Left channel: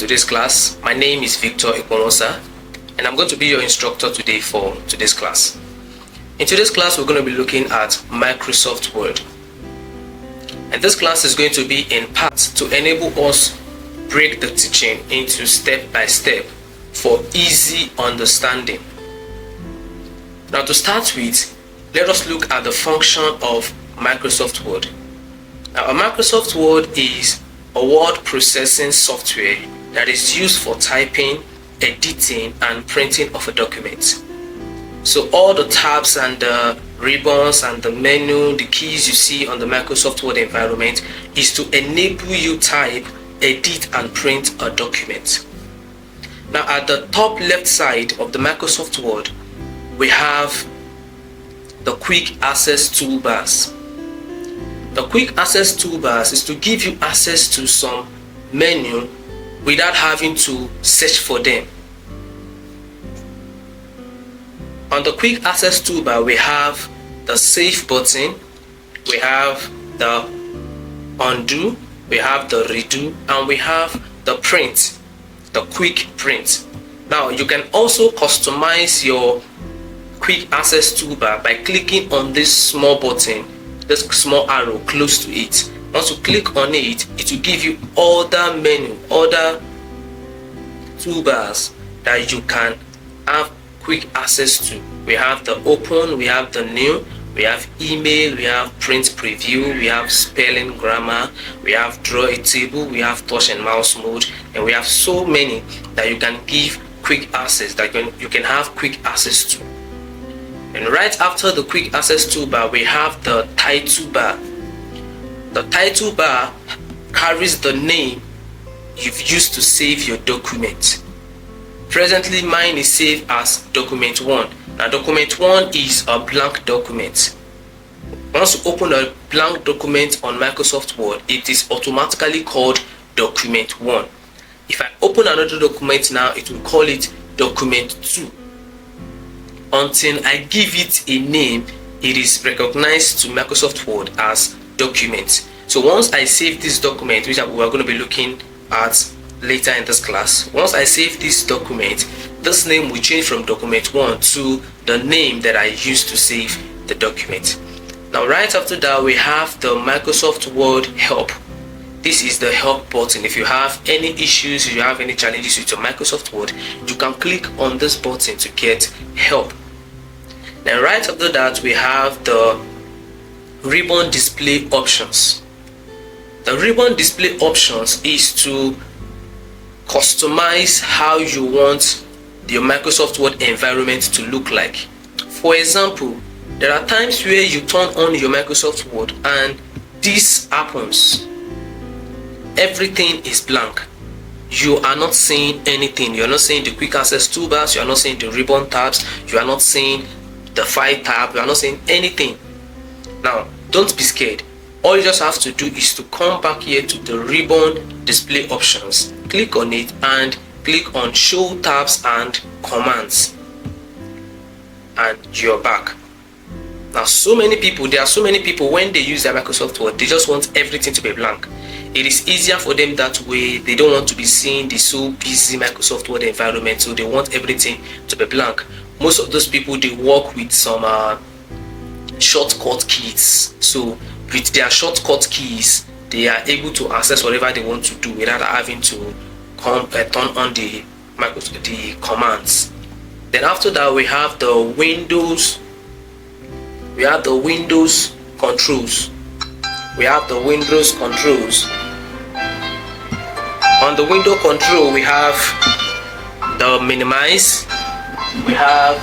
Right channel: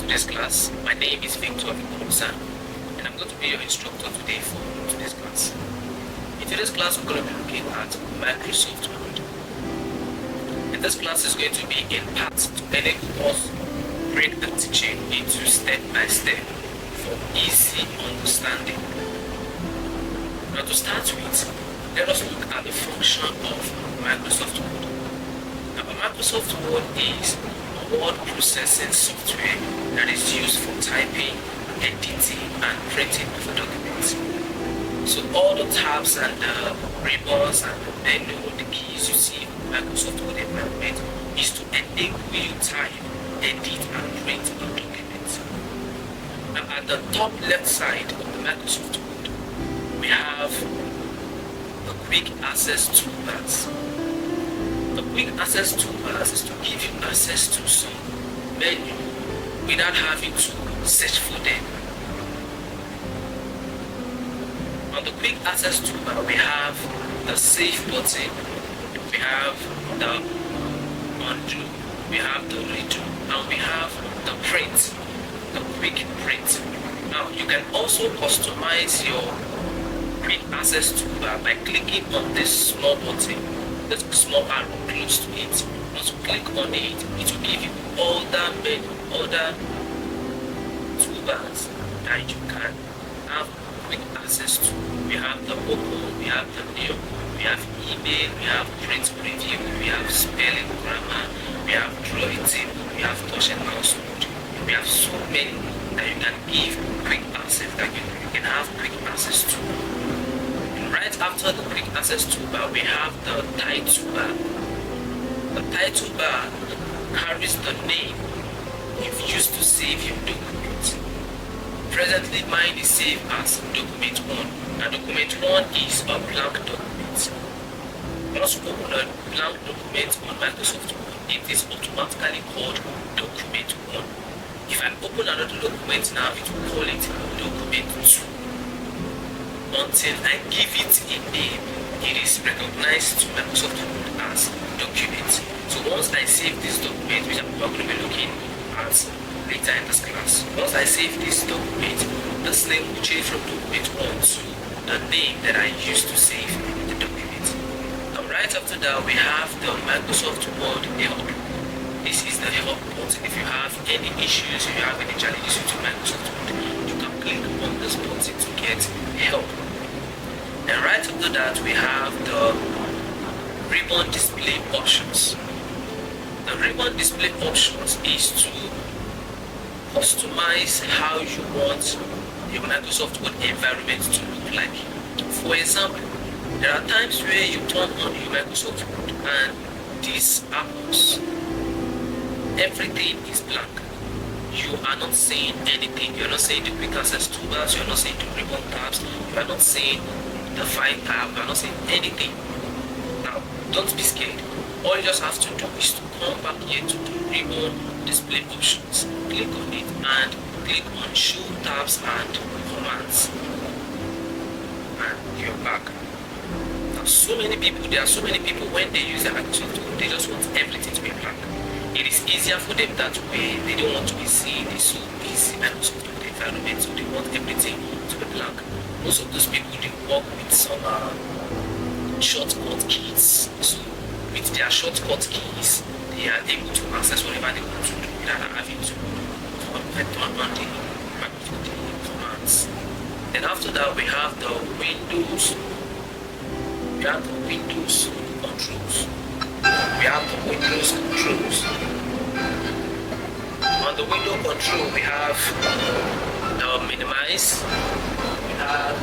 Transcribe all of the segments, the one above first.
today's class. My name is Victor Ikwomosa, and I'm going to be your instructor today for today's class. In today's class, we're going to be looking at Microsoft Word. And this class is going to be in parts to enable us break the teaching into step by step for easy understanding. Now to start with, let us look at the function of Microsoft Word. Now a Microsoft Word is a word processing software that is used for typing, editing, and printing of a document. So all the tabs and the ribbons and the menu, the keys you see on the Microsoft Word environment is to enable you type, edit, and print a document. Now at the top left side of the Microsoft Word, we have the quick access toolbars. The quick access toolbars is to give you access to some menu without having to search for them. On the quick access toolbar, we have the save button, we have the undo, we have the redo, and we have the print, the quick print. Now you can also customize your quick access toolbar by clicking on this small button, this small arrow close to it. Once you click on it, it will give you other menu, other toolbars that you can have quick access to. We have the open, we have the new, we have email, we have print preview, we have spelling grammar, we have draw a table, we have touch and mouse mode, and we have so many that you can give quick access, that you can have quick access to. And right after the quick access toolbar, we have the title bar. The title bar carries the name you've used to save your document. Presently, mine is saved as document 1. Now, document 1 is a blank document. Once you open a blank document on Microsoft Word, it is automatically called document 1. If I open another document now, it will call it document 2. Until I give it a name, it is recognized to Microsoft Word as document. So once I save this document, which we are going to be looking at later in this class, once I save this document, this name will change from document 1 to the name that I used to save the document. Now right after that, we have the Microsoft Word help. This is the help button. If you have any issues, if you have any challenges with your Microsoft Word, you can click on this button to get help. Then right after that, we have the ribbon display options. The ribbon display options is to customize how you want your Microsoft Word environment to look like. For example, there are times where you turn on your Microsoft Word and this happens. Everything is blank. You are not seeing anything. You are not seeing the quick access toolbars, you are not seeing the ribbon tabs, you are not seeing the file tab, you are not seeing anything. Now, don't be scared. All you just have to do is to come back here to the ribbon display options, click on it, and click on show tabs and commands, and you're back. Now there are so many people when they use their Microsoft Word, they just want everything to be blank. It is easier for them that way. They don't want to be seeing the so busy Microsoft Word environment, so they want everything to be blank. Most of those people, they work with some shortcut keys. So with their shortcut keys, they are able to access whatever they want to do without having to turn on the commands. Then after that, we have the Windows. We have the Windows controls. We have the Windows controls. On the window control, we have the minimize, we have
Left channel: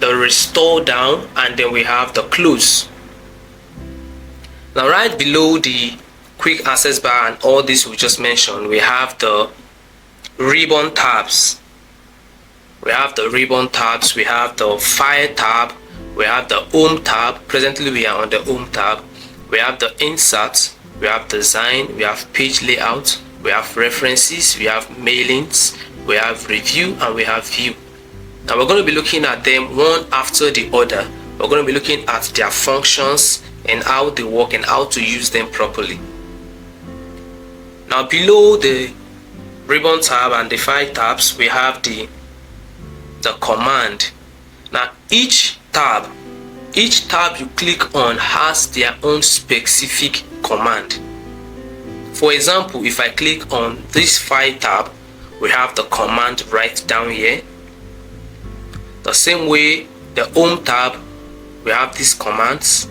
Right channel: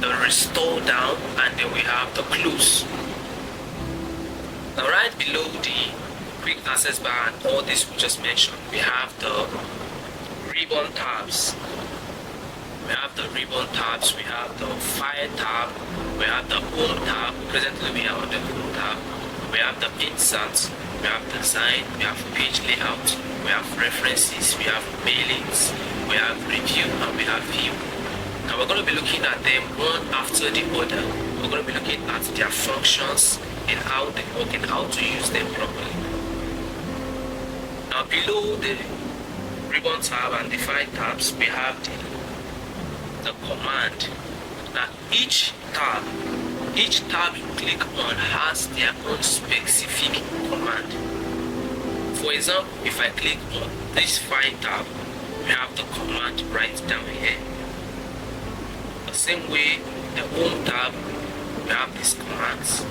the restore down, and then we have the close. Now right below the quick access bar and all this we just mentioned, we have the ribbon tabs. We have the ribbon tabs, we have the file tab, we have the home tab. Presently we are on the home tab. We have the insert, we have design, we have page layout, we have references, we have mailings, we have review, and we have view. Now we're going to be looking at them one after the other. We're going to be looking at their functions and how they work and how to use them properly. Now below the ribbon tab and the file tabs, we have the command. Now each tab you click on has their own specific command. For example, if I click on this file tab, we have the command right down here. The same way, the home tab, we have these commands.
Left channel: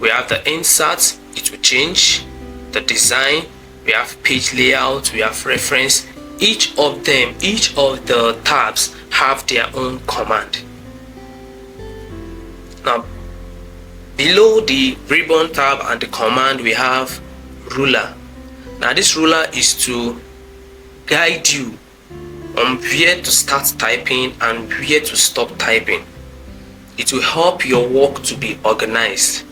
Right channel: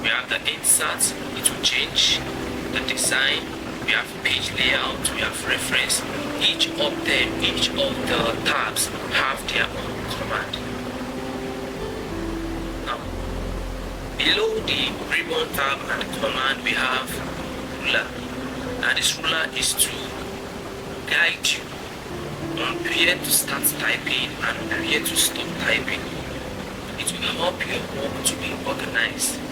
We have the insert, it will change. The design, we have page layout, we have reference. Each of the tabs have their own command. Now below the ribbon tab and the command, we have ruler. Now this ruler is to guide you on where to start typing and where to stop typing. It will help your work to be organized.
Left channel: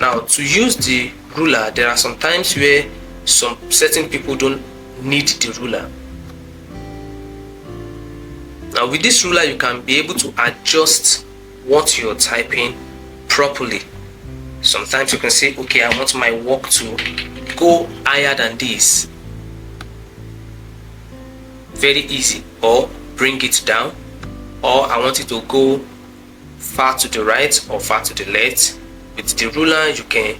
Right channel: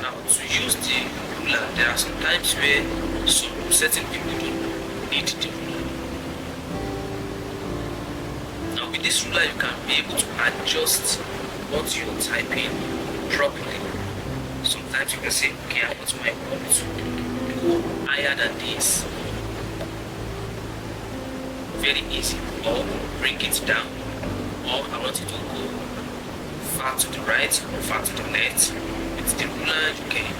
Now to use the ruler, there are some times where certain people don't need the ruler. Now with this ruler, you can be able to adjust what you're typing properly. Sometimes you can say, okay, I want my work to go higher than this. Very easy. Or bring it down, or I want it to go far to the right or far to the left. With the ruler, you can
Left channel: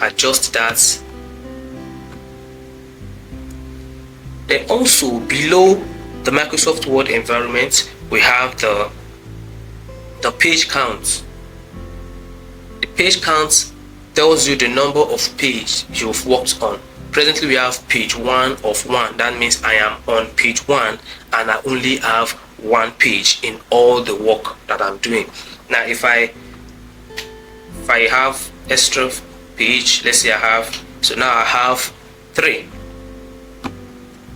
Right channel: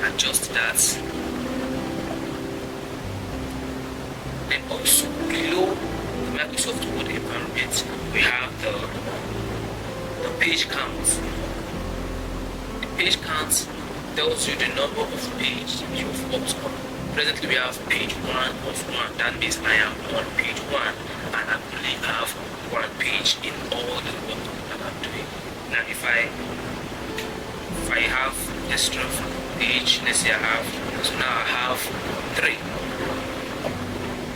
adjust that. Then also below the Microsoft Word environment, we have the page count. The page count tells you the number of pages you've worked on. Presently we have page 1 of 1. That means I am on page 1 and I only have 1 page in all the work that I'm doing. Now if I have extra page, let's say so now I have 3.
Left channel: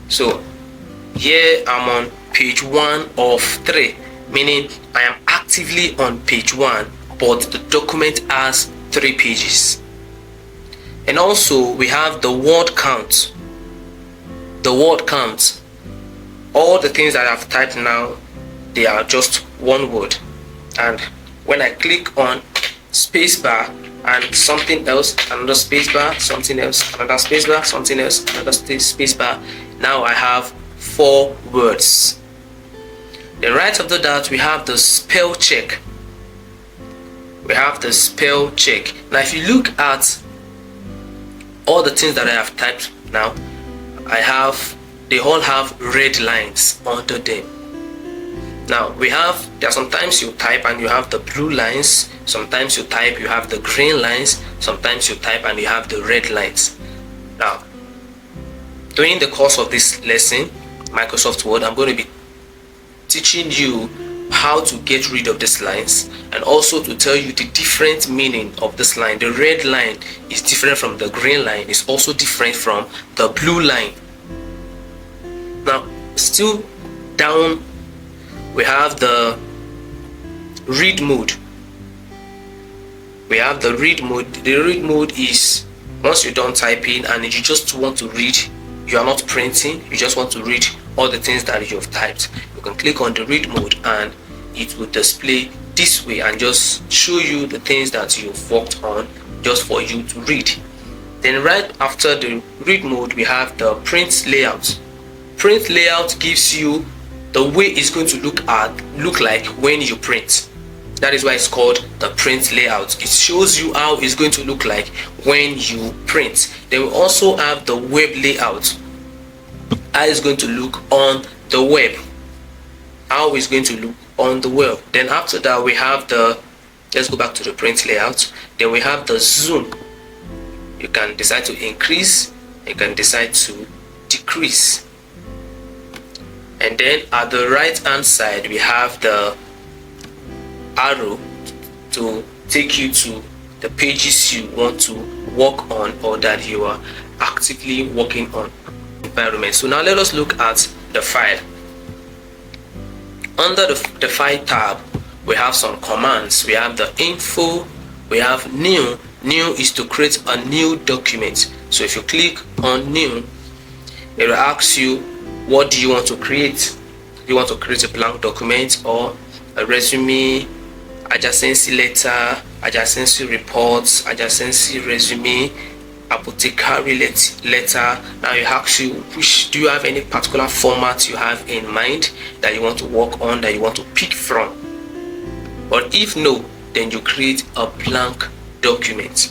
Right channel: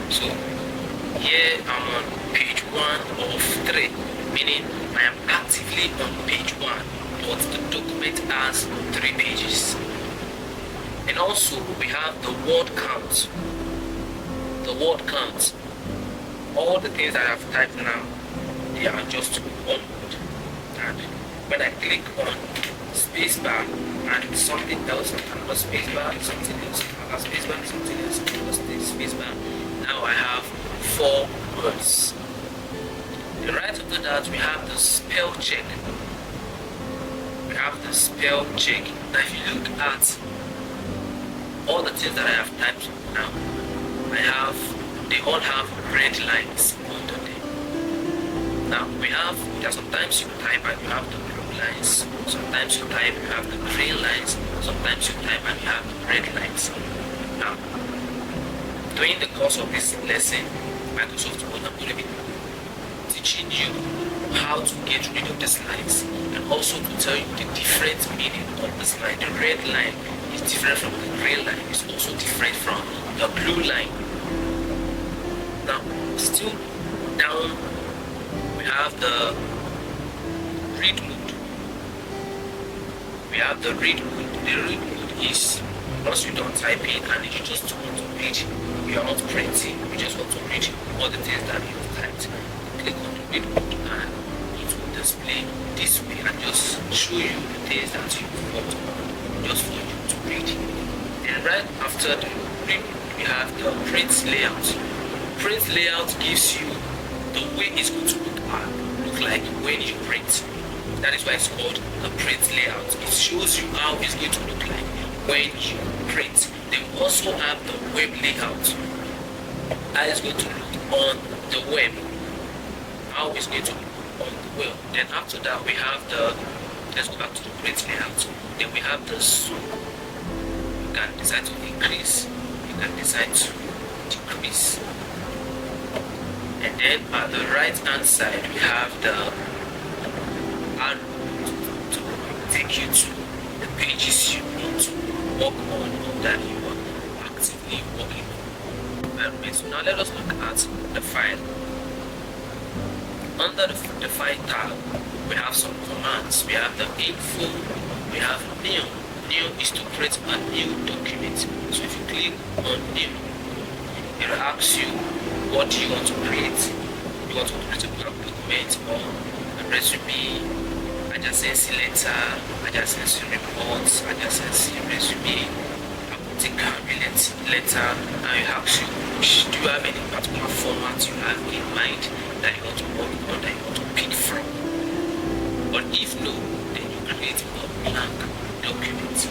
So here I'm on page 1 of 3, meaning I am actively on page 1, but the document has 3 pages. And also we have the word count. The word count, all the things that I've typed now, they are just one word. And when I click on spacebar and something else, another spacebar, something else, another spacebar, something else, another spacebar, now I have 4 words. Then right after that, we have the spell check. We have the spell check. Now if you look at all the things that I have typed now, they all have red lines under them. Now there are sometimes you type and you have the blue lines, sometimes you type, you have the green lines, sometimes you type and you have the red lines. Now, during the course of this lesson, Microsoft Word, I'm going to be teaching you how to get rid of these lines and also to tell you the different meaning of this line. The red line is different from the green line, it's also different from the blue line. Now, still down, we have the read mode. We have the read mode. The read mode is once you're done typing and you just want to read, you are not printing, you just want to read all the things that you've typed. You can click on the read mode and it will display this way and just show you the things that you've worked on just for you to read. Then right after the read mode, we have the print layout. Print layout gives you the way it's going to look like when you print. That is why it's called the print layout. It shows you how it's going to look like when you print. Then we also have the web layout. How it's going to look on the web. How it's going to look on the web. Then after that we have let's go back to the print layout. Then we have the zoom. You can decide to increase, you can decide to decrease. And then at the right hand side we have the arrow to take you to the pages you want to work on or that you are actively working on environment. So now let us look at the file. Under the file tab, we have some commands. We have the info, we have new. New is to create a new document. So if you click on new, it will ask you, what do you want to create? You want to create a blank document or a resume, adjacency letter, adjacency reports, adjacency resume, apothecary letter. Now you ask you, do you have any particular format you have in mind that you want to work on, that you want to pick from? But if no, then you create a blank document.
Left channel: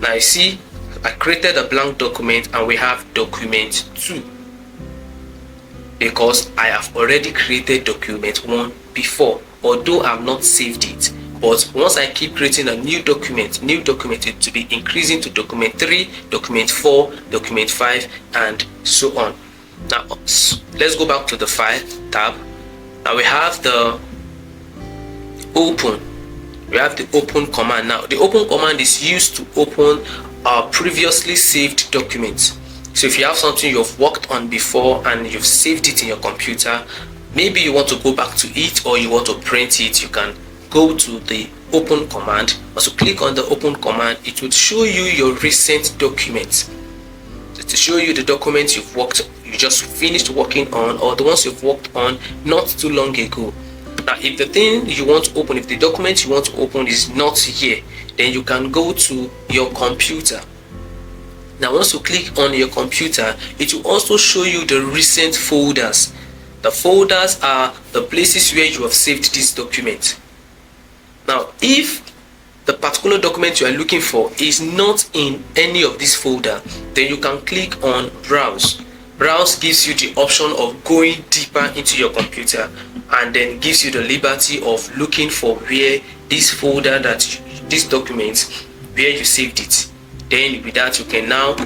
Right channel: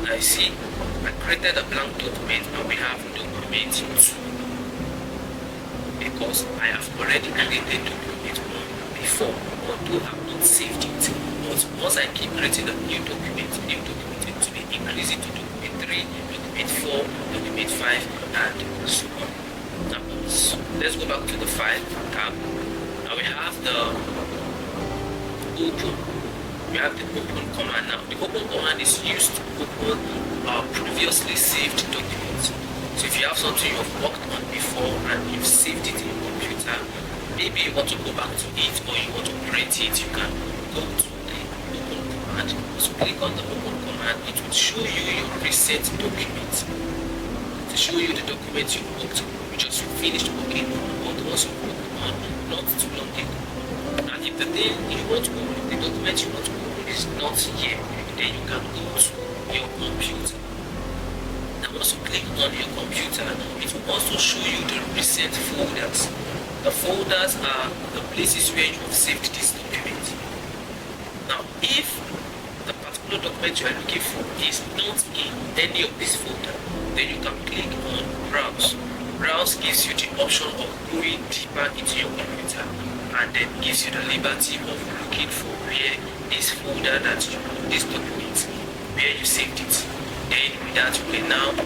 Now you see, I created a blank document and we have document 2 because I have already created document 1 before, although I've not saved it. But once I keep creating a new document it to be increasing to document 3, document 4, document 5, and so on. Now let's go back to the file tab. Now we have the open. We have the open command. Now the open command is used to open previously saved documents. So if you have something you've worked on before and you've saved it in your computer, maybe you want to go back to it or you want to print it, you can go to the open command. Also click on the open command. It will show you your recent documents. To show you the documents you just finished working on, or the ones you've worked on not too long ago. Now if the thing you want to open, if the document you want to open is not here, then you can go to your computer. Now once you click on your computer, it will also show you the recent folders. The folders are the places where you have saved this document. Now if the particular document you are looking for is not in any of this folder, then you can click on browse. Browse gives you the option of going deeper into your computer and then gives you the liberty of looking for where this folder, this document, where you saved it. Then with that you can now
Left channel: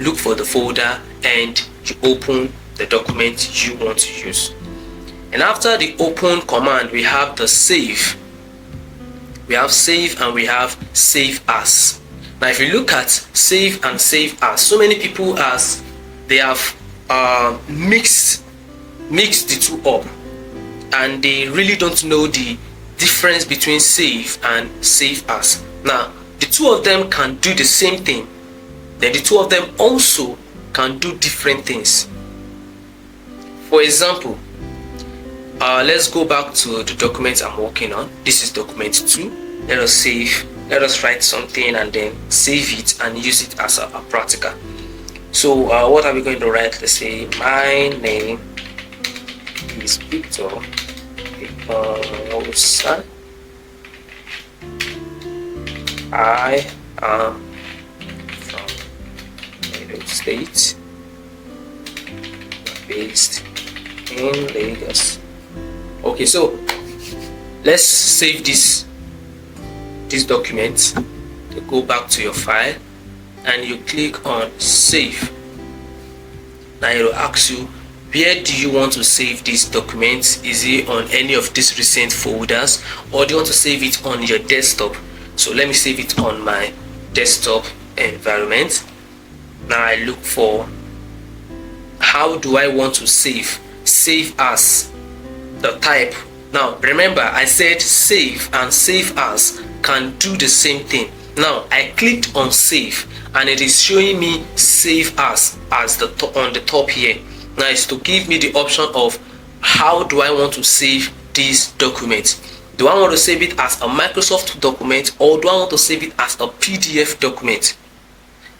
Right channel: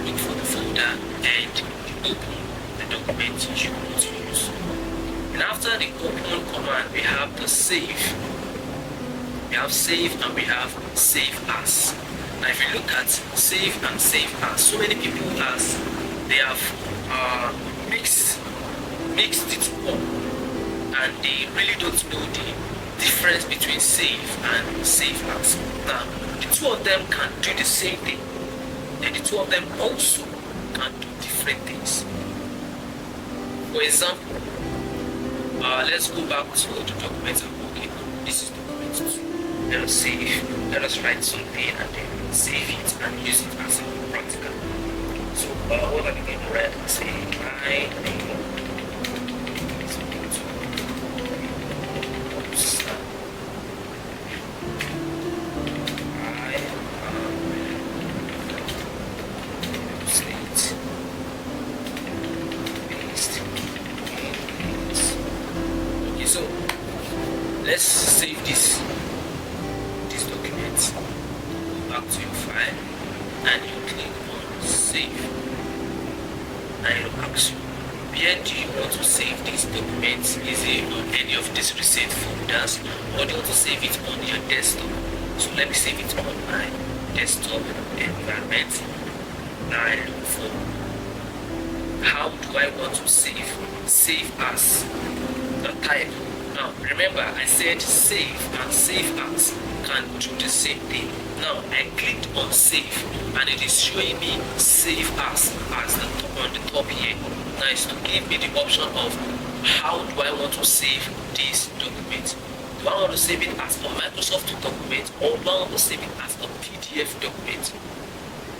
look for the folder and you open the document you want to use. And after the open command, we have the save. We have save and we have save as. Now if you look at save and save as, so many people they have mixed the two up, and they really don't know the difference between save and save as. Now the two of them can do the same thing, then the two of them also can do different things. For example, let's go back to the document I'm working on. This is document 2. Let us write something and then save it and use it as a practical. So what are we going to write? Let's say my name is Victor Osa. I am from Edo State, based in Lagos. Okay, so let's save this document. You go back to your file and you click on save. Now it will ask you, where do you want to save this document? Is it on any of these recent folders, or do you want to save it on your desktop? So let me save it on my desktop environment. Now I look for, how do I want to save as, the type. Now remember, I said save and save as can do the same thing. Now I clicked on save and it is showing me save as on the top here. Now it's to give me the option of how do I want to save this document. Do I want to save it as a Microsoft document, or do I want to save it as a PDF document?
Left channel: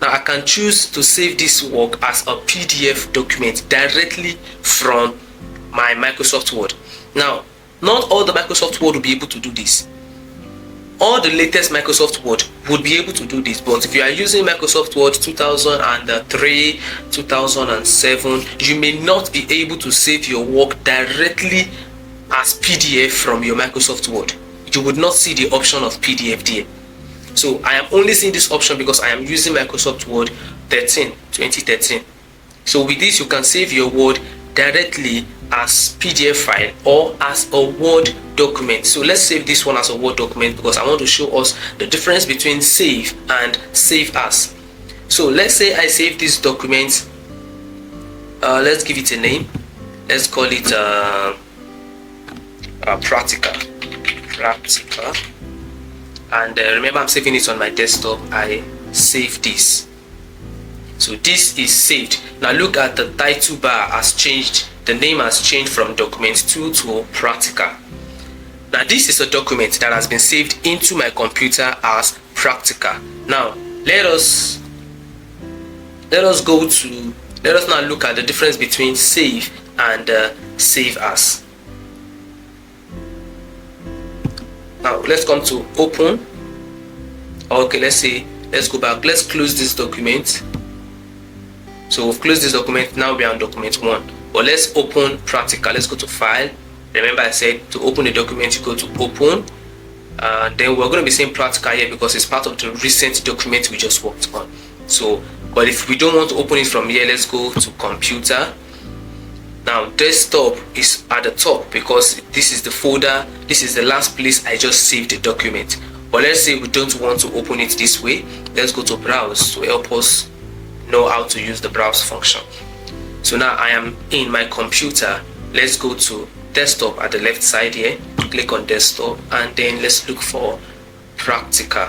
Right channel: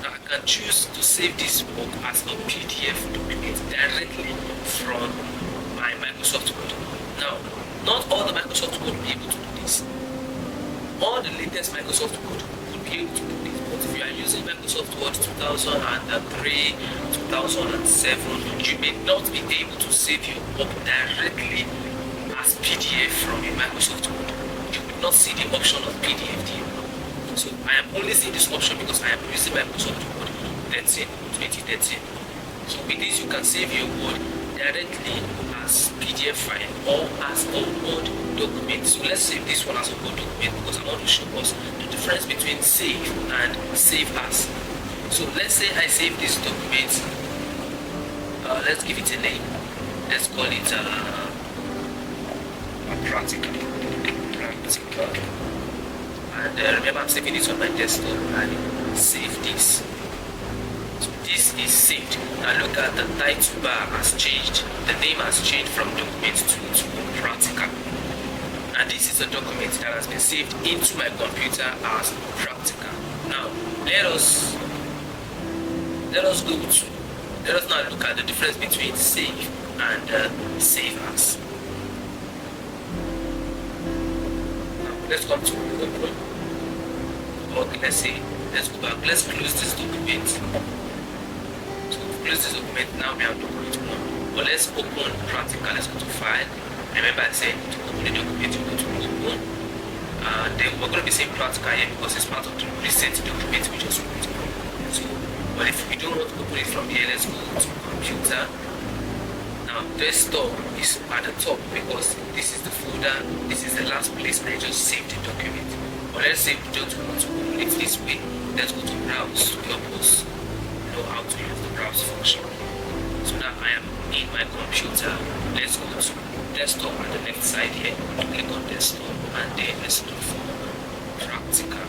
Now I can choose to save this work as a PDF document directly from my Microsoft Word. Now not all the Microsoft Word will be able to do this. All the latest Microsoft Word would be able to do this, but if you are using Microsoft Word 2003, 2007, you may not be able to save your work directly as PDF from your Microsoft Word. You would not see the option of PDF there. So I am only seeing this option because I am using Microsoft Word 2013. So with this you can save your Word directly as PDF file or as a Word document. So let's save this one as a Word document because I want to show us the difference between save and save as. So let's say I save this document, let's give it a name. Let's call it practical. And remember, I'm saving it on my desktop. I save this. So this is saved. Now look at the title bar has changed. The name has changed from document 2 to practical. Now this is a document that has been saved into my computer as practical. Now let us let us now look at the difference between save and save as. Now let's come to open. Okay, let's go back. Let's close this document. So we've closed this document. Now we are on document 1. But let's open practical. Let's go to file. Remember I said to open the document you go to open. Then we're going to be saying practical here because it's part of the recent document we just worked on. So, but if we don't want to open it from here, let's go to computer. Now desktop is at the top because this is the folder, this is the last place I just saved the document. But let's say we don't want to open it this way. Let's go to browse to help us know how to use the browse function. So now I am in my computer. Let's go to desktop at the left side here, click on desktop, and then let's look for practical.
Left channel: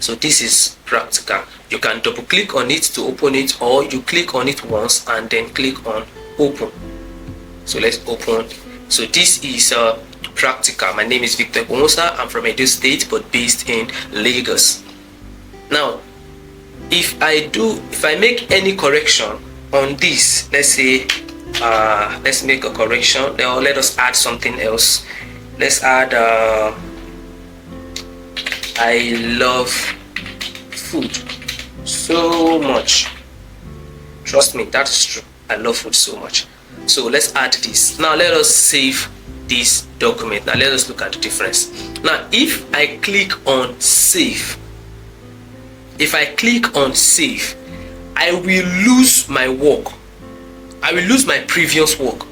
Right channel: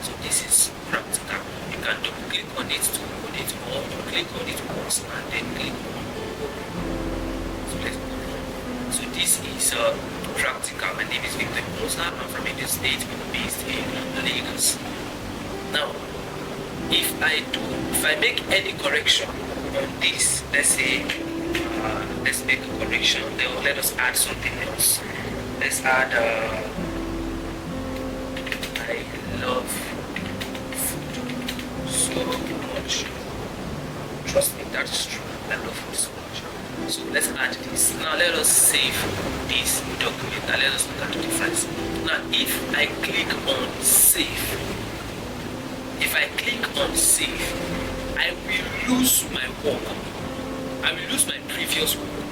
So this is practical. You can double click on it to open it, or you click on it once and then click on open. So let's open. So this is practical. My name is Victor Ekponwosa. I'm from Edo State but based in Lagos. Now if I make any correction on this, let's say let's make a correction, or let us add something else. Let's add I love food so much. Trust me, that's true. I love food so much. So let's add this. Now let us save this document. Now let us look at the difference. Now if I click on save, I will lose my work. I will lose my previous work.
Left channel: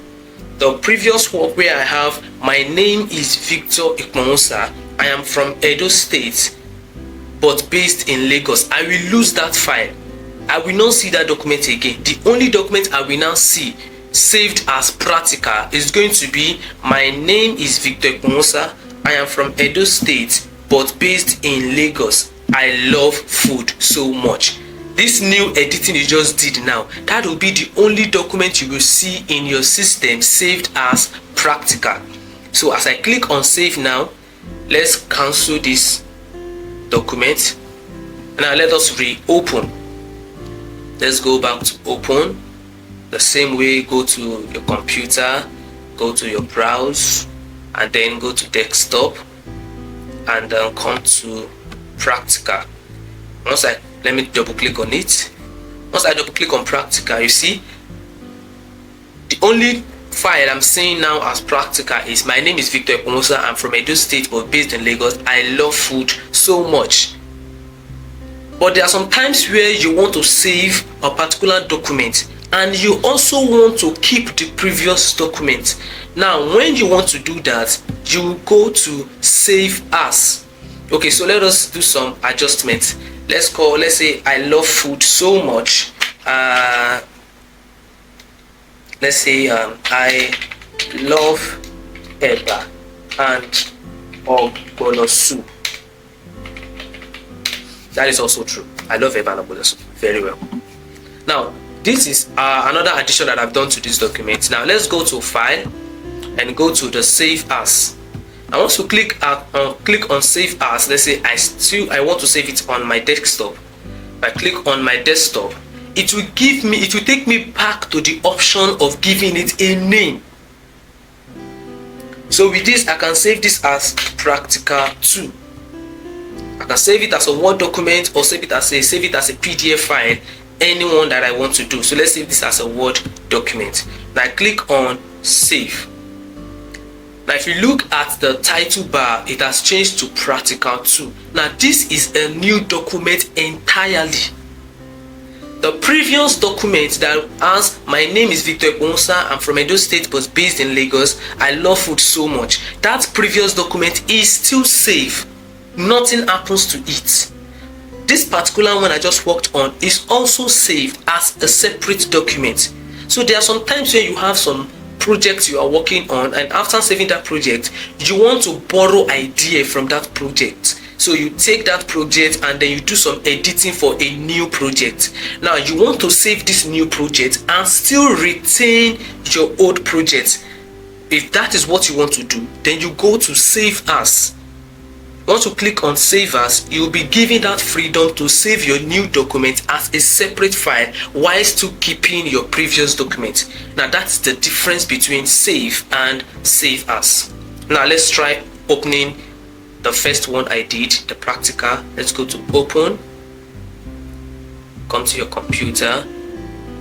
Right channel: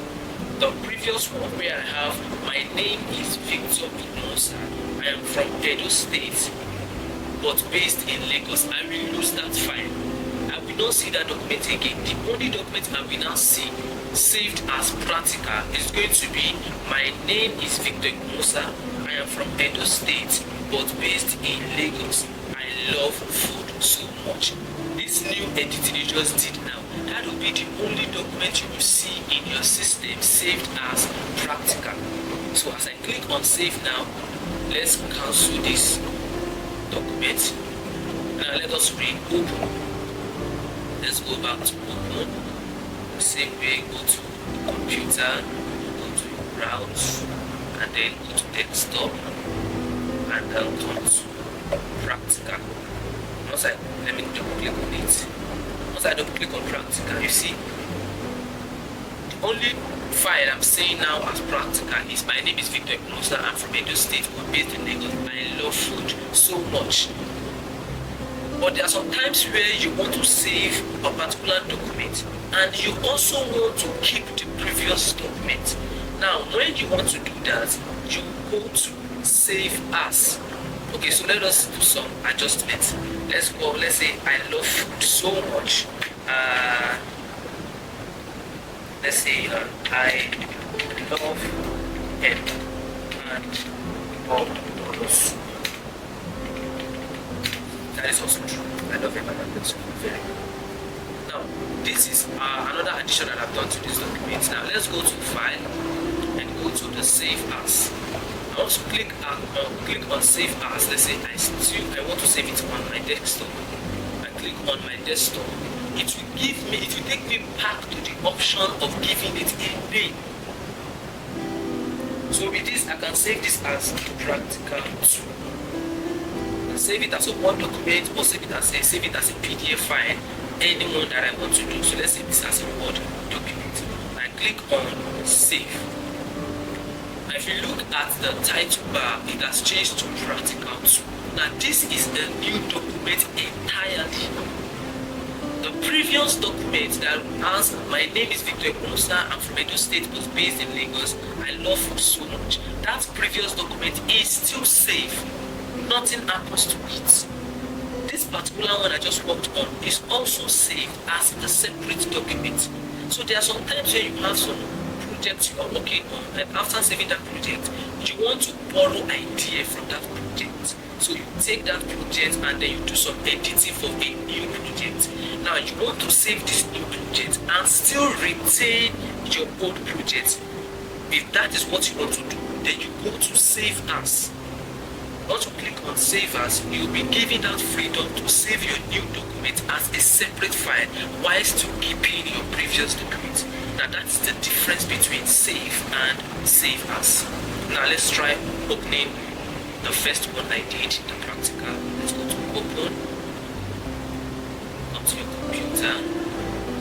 The previous work where I have my name is Victor Ekponwosa. I am from Edo State but based in Lagos. I will lose that file. I will not see that document again. The only document I will now see saved as practical is going to be my name is Victor Ekponwosa. I am from Edo State but based in Lagos. I love food so much. This new editing you just did now, that will be the only document you will see in your system saved as practical. So as I click on save now, let's cancel this document. Now let us reopen. Let's go back to open. The same way, go to your computer, go to your browse, and then go to desktop, and then come to practical. Let me double click on it. Once I double click on practical, you see the only file I'm seeing now as practical is my name is Victor Ekponwosa. I'm from Edo State but based in Lagos. I love food so much. But there are some times where you want to save a particular document and you also want to keep the previous document. Now when you want to do that, you go to save as. Okay, so let us do some adjustments. Let's say I love food so much. Let's say I love eba and ogbono soup. That is also true. I love eba and ogbono soup very well. Now this is another addition that I've done to this document. Now let's go to file and go to the save as. I want to click on save as. Let's say I want to save it on my desktop. If I click on my desktop, it will take me back to the option of giving it a name. So with this, I can save this as practical 2. I can save it as a Word document or save it as a PDF file, anyone that I want to do. So let's save this as a Word document. Now I click on save. Now if you look at the title bar, it has changed to practical 2. Now this is a new document entirely. The previous document that has my name is Victor Ekponwosa, I'm from Edo State but based in Lagos, I love food so much. That previous document is still safe. Nothing happens to it. This particular one I just worked on is also saved as a separate document. So there are some times where you have some project you are working on, and after saving that project you want to borrow idea from that project. So you take that project and then you do some editing for a new project. Now you want to save this new project and still retain your old project. If that is what you want to do, then you go to save as. Once you click on save as, you'll be given that freedom to save your new document as a separate file while still keeping your previous document. Now that's the difference between save and save as. Now let's try opening the first one I did, the practical. Let's go to open, come to your computer,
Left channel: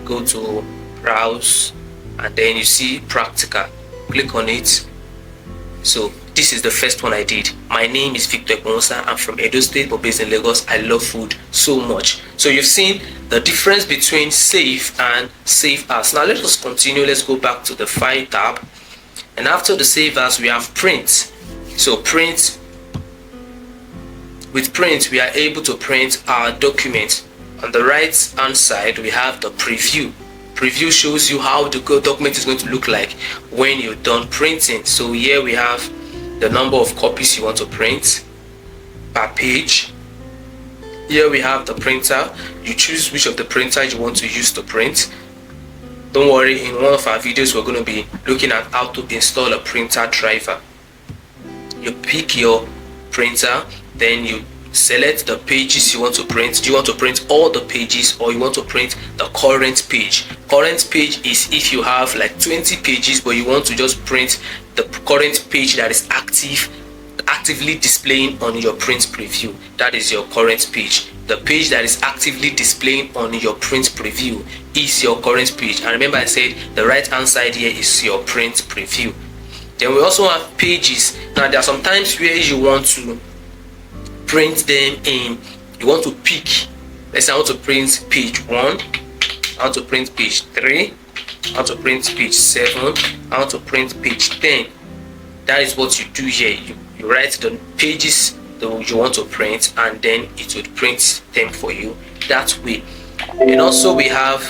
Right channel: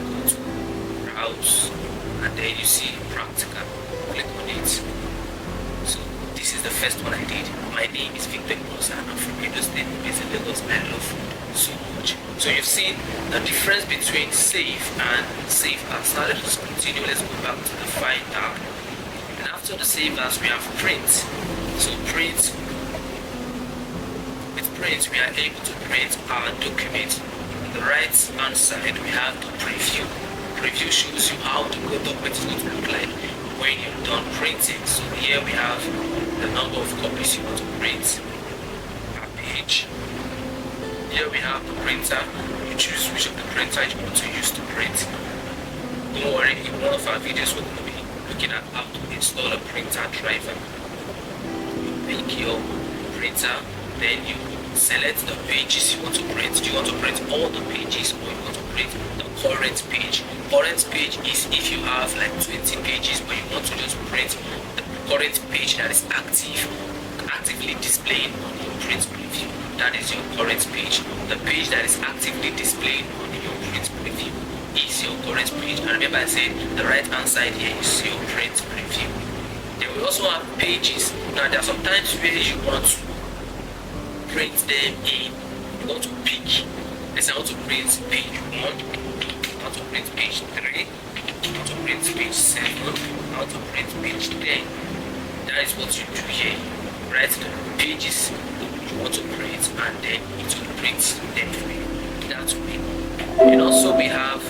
go to browse, and then you see practical. Click on it. So this is the first one I did. My name is Victor Ekponwosa. I'm from Edo State but based in Lagos. I love food so much. So you've seen the difference between save and save as. Now let us continue. Let's go back to the file tab, and after the save as we have print. So print, with print we are able to print our document. On the right hand side we have the preview. Preview shows you how the document is going to look like when you're done printing. So here we have the number of copies you want to print per page. Here we have the printer. You choose which of the printers you want to use to print. Don't worry, in one of our videos we're going to be looking at how to install a printer driver. You pick your printer, then you select the pages you want to print. Do you want to print all the pages, or you want to print the current page? Current page is if you have like 20 pages but you want to just print the current page that is actively displaying on your print preview. That is your current page. The page that is actively displaying on your print preview is your current page. And remember I said the right hand side here is your print preview. Then we also have pages. Now there are some times where you want to print them in, you want to pick. Let's say I want to print page 1, I want to print page 3, I want to print page 7, I want to print page 10. That is what you do here. You write the pages that you want to print, and then it will print them for you that way. And also we have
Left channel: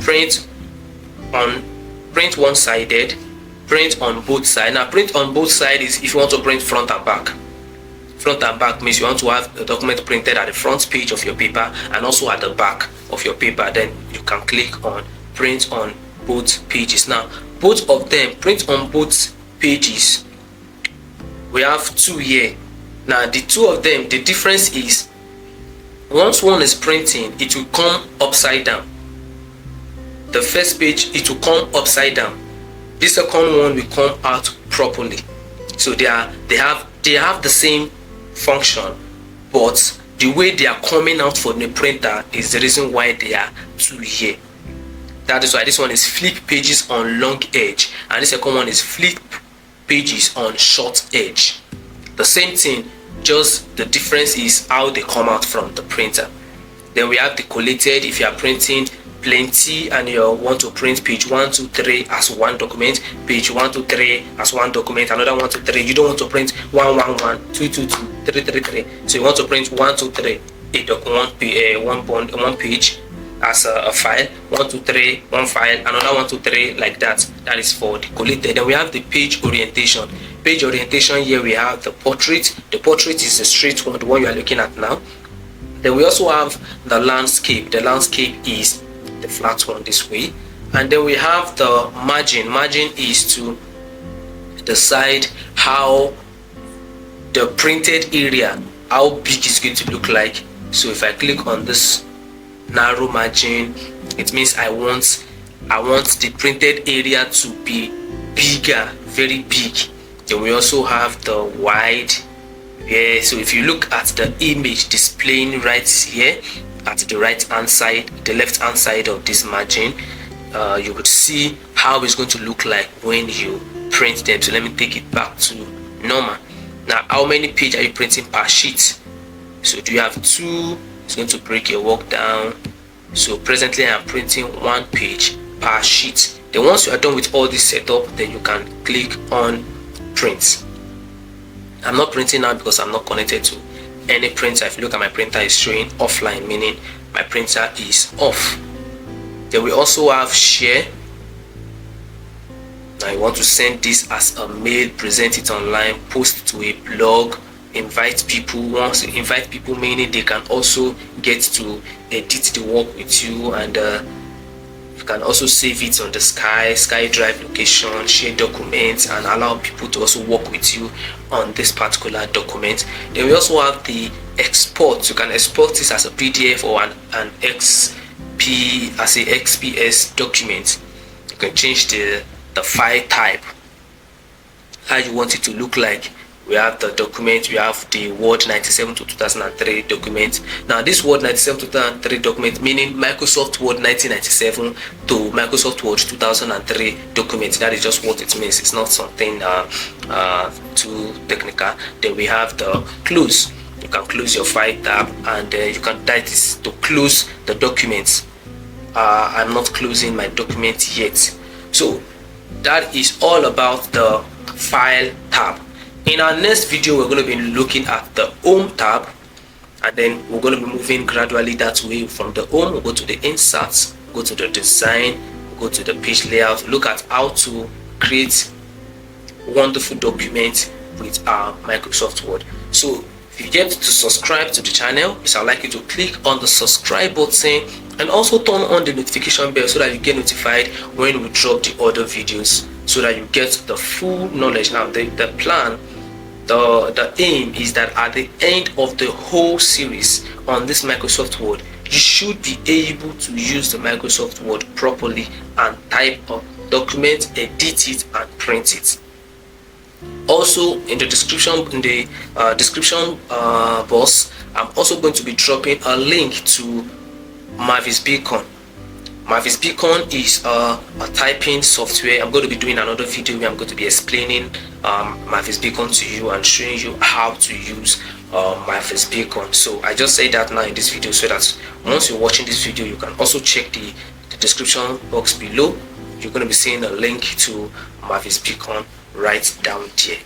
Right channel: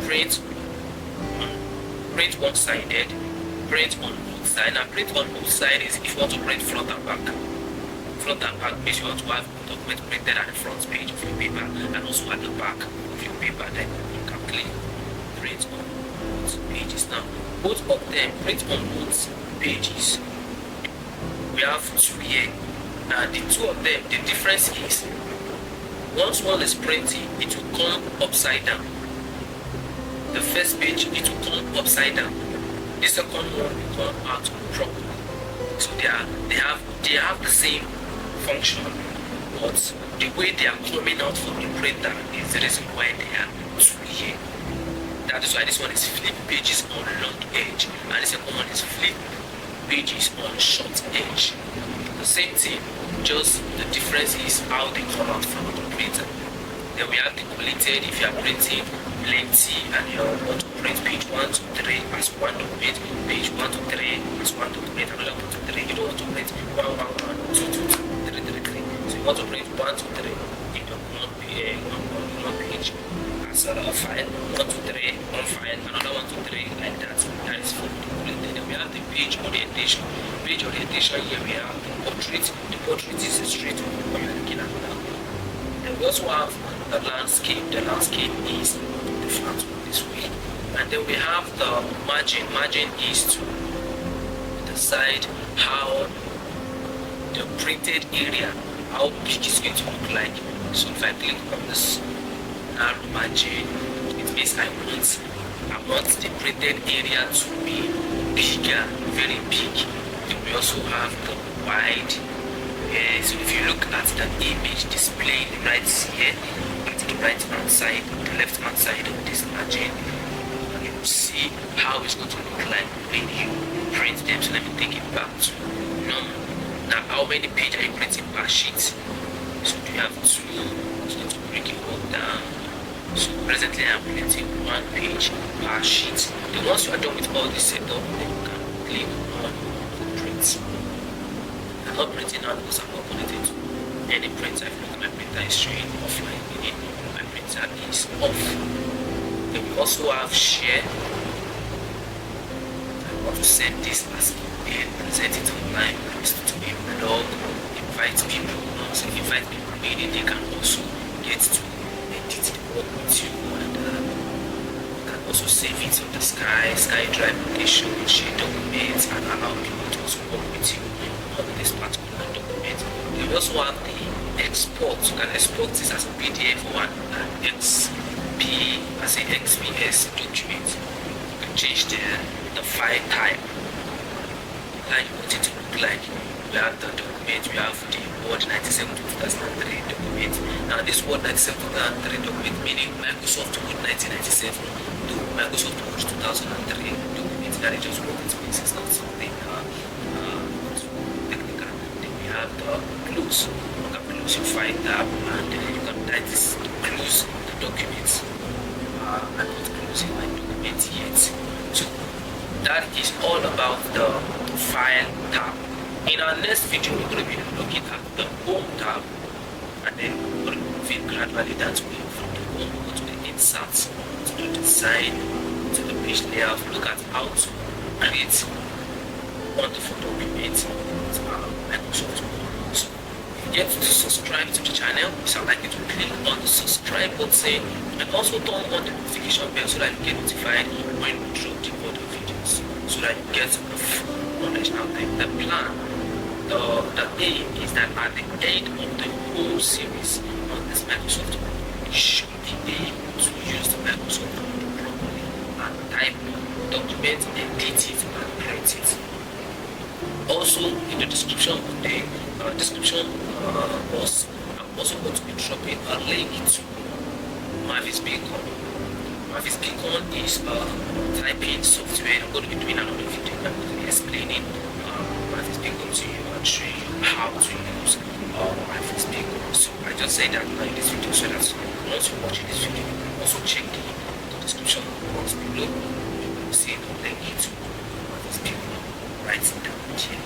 print one-sided, print on both sides. Now print on both sides is if you want to print front and back. Front and back means you want to have the document printed at the front page of your paper and also at the back of your paper. Then you can click on print on both pages. Now both of them, print on both pages, we have two here. Now the two of them, the difference is once one is printing, it will come upside down. The first page, it will come upside down. The second one will come out properly. So they have the same function, but the way they are coming out from the printer is the reason why they are two here. That is why this one is flip pages on long edge and the second one is flip pages on short edge. The same thing, just the difference is how they come out from the printer. Then we have the collated. If you are printing plenty and you want to print page 1 to 3 as one document, page 1 to 3 as one document, another 1 to 3, you don't want to print 1 1 1 2 2 2 3 3 3. So you want to print 1 to 3 one page as a file, 1 to 3 one file, another 1 to 3 like that. That is for the collated. Then we have the page orientation. Page orientation, here we have the portrait. The portrait is the straight one, the one you are looking at now. Then we also have the landscape. The landscape is the flat one this way. And then we have the margin. Margin is to decide how the printed area, how big it's going to look like. So if I click on this narrow margin, it means I want the printed area to be bigger, very big. Then we also have the wide. Yeah, so if you look at the image displaying right here at the right hand side, the left hand side of this margin, you would see how it's going to look like when you print them. So let me take it back to normal. Now, how many pages are you printing per sheet? So do you have 2? It's going to break your work down. So presently I'm printing 1 page per sheet. Then once you are done with all this setup, then you can click on print. I'm not printing now because I'm not connected to any printer. If you look at my printer, is showing offline, meaning my printer is off. Then we also have share. I want to send this as a mail, present it online, post to a blog, invite people. Once you invite people, meaning they can also get to edit the work with you, and you can also save it on the SkyDrive location, share documents, and allow people to also work with you on this particular document. Then we also have the export. You can export this as a PDF or an XPS document. You can change the file type, how you want it to look like. We have the document, we have the Word 97 to 2003 document. Now this Word 97 to 2003 document, meaning Microsoft Word 1997 to Microsoft Word 2003 document. That is just what it means. It's not something too technical. Then we have the close. You can close your file tab, and you can type this to close the documents. I'm not closing my document yet. So that is all about the file tab. In our next video, we're going to be looking at the home tab, and then we're going to be moving gradually that way. From the home, we'll go to the inserts, go to the design, go to the page layout, look at how to create wonderful documents with our Microsoft Word. So if you get to subscribe to the channel, I'd like you to click on the subscribe button and also turn on the notification bell so that you get notified when we drop the other videos, so that you get the full knowledge. Now the plan, the aim is that at the end of the whole series on this Microsoft Word, you should be able to use the Microsoft Word properly and type a document, edit it, and print it. Also, in the description box, I'm also going to be dropping a link to Mavis Beacon. Mavis Beacon is a typing software. I'm going to be doing another video where I'm going to be explaining Mavis Beacon to you and showing you how to use Mavis Beacon. So I just say that now in this video, so that once you're watching this video, you can also check the description box below. You're going to be seeing a link to Mavis Beacon right down there.